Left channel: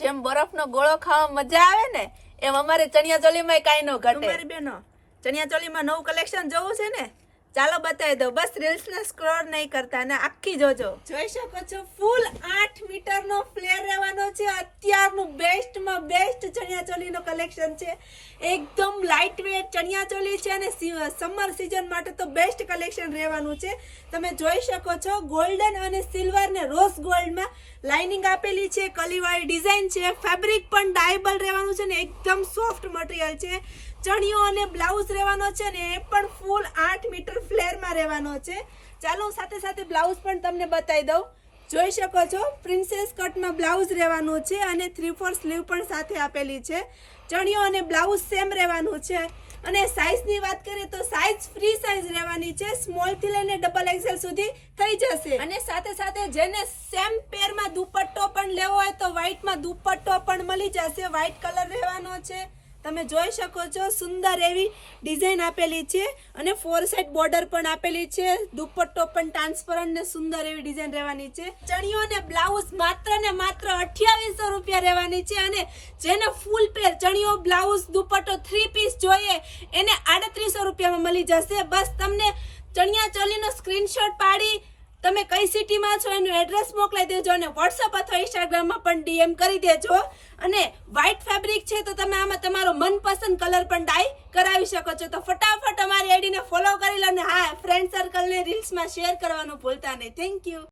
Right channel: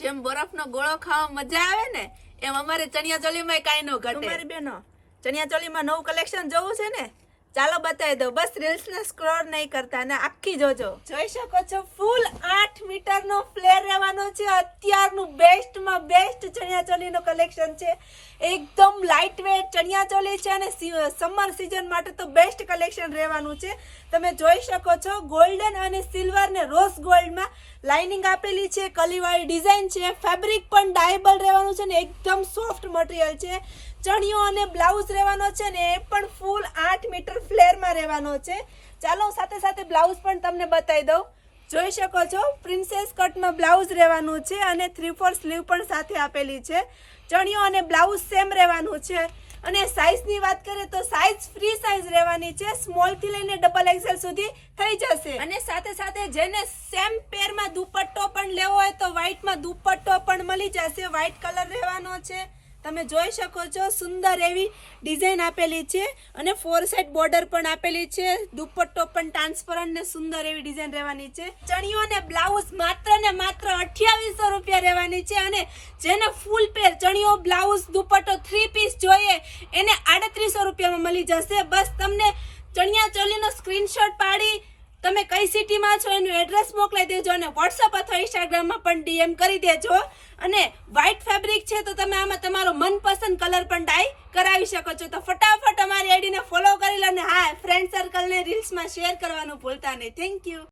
જેમ બરફનો ગોળો ખાવા મજા આવે ને એમ અમારે ચણિયા ચોલીમાં કાંઈ ન ઘટે. તમારી બેનો ચણિયા ચોલીમાં નવું કલેક્શન જોવું છે ને, ચાલો બતાવી દો. બસ રીલ્સ ને સ્ક્રોલ નહીં કરતા ને આખી જોજો. જોઈ શકો છો ફૂલ 8 મીટરનો ફ્લેર રહેવાનો છે. અત્યારનું બેસ્ટમાં બેસ્ટ ચણિયા ચોલીનો કલેક્શન છે. એકદમ લાઇટ વેટ ચણિયા ચોલી છે અને સમર સિઝન માટે તો બેસ્ટ કલેક્શન રહેવાનું છે. તમે જોઈ શકો છો ગોલ્ડન અને સિલ્વર ને રોઝ ગોલ્ડમાં લાઇનિંગ આપેલી છે. કલીવાળી ડિઝાઇન છે. ફેબ્રિક પણ ડાયેબલ રહેવાનું છે ને એકદમ સોફ્ટ મટીરિયલ છે. ચણિયો અને બ્લાઉઝ રહેવાનો છે ને એ પણ ફૂલ 8 મીટર ફ્લેરમાં રહેવાનો છે. ચાલો સાથે સાથે બ્લાઉઝ પણ તમને બતાવી દઉં. જોઈ શકો છો પ્રિન્સેસ કટમાં બ્લાઉઝ રહેવાનું છે અને 3/4 સ્લીવ પણ સાથે આપેલી છે. ચણિયો અને બ્લાઉઝ સેમ રહેવાનું છે. અને સાઇઝની વાત કરીએ તો સાઇઝ ફ્રી સાઇઝ રહેવાની છે. સ્મોલ થી લઈને ડબલ એક્સેલ સુધી થઈ જશે. અને સાથે સાથે જેને સેમ પેરમાં દુપટ્ટો પણ લેવો હોય તો વ્હાઈટમાં દુપટ્ટો પણ મળી જશે. વ્હાઈટ કલર રહેવાનો છે. તમે જોઈ શકો છો સુંદર એવી ડિઝાઇન આપેલી છે અને 4 સાઇડ બોર્ડર પણ આપેલી છે. દુપટ્ટો પણ ટ્રાન્સપરન્ટ ને સુંદર એવી ડિઝાઇન રહેવાની છે. ચણિયો અને બ્લાઉઝ માત્ર ને માત્ર 2800 રૂપિયા રહેવાની છે. અને જેને ફૂલ પેર ચણિયો બ્લાઉઝ દુપટ્ટો 3 પીસ જોઈએ એને 3800 રૂપિયામાં મળી જશે. બસ તમને ચણિયા ચોલીનો સ્ક્રીનશોટ પાડી તમે કઈ સિટીમાં છો એનું એડ્રેસ મોકલાઈ દેજો અને વોટ્સઅપ અથવા ઇન્સ્ટાગ્રામમાં પણ ડીએમ કરી દેજો. અને વ્હાઈટ ફેબ્રિક છે તો તમે આમાં તમારો મનપસંદ કલર પણ ડાય કરાવી શકો છો. તો ફટાફટ અમારી આઈડીને ફોલો કરી લો અને હા ફ્રેન્ડ સર્કલને રીલ્સમાં શેર કરવાનું ભૂલતા નહીં. Thank you.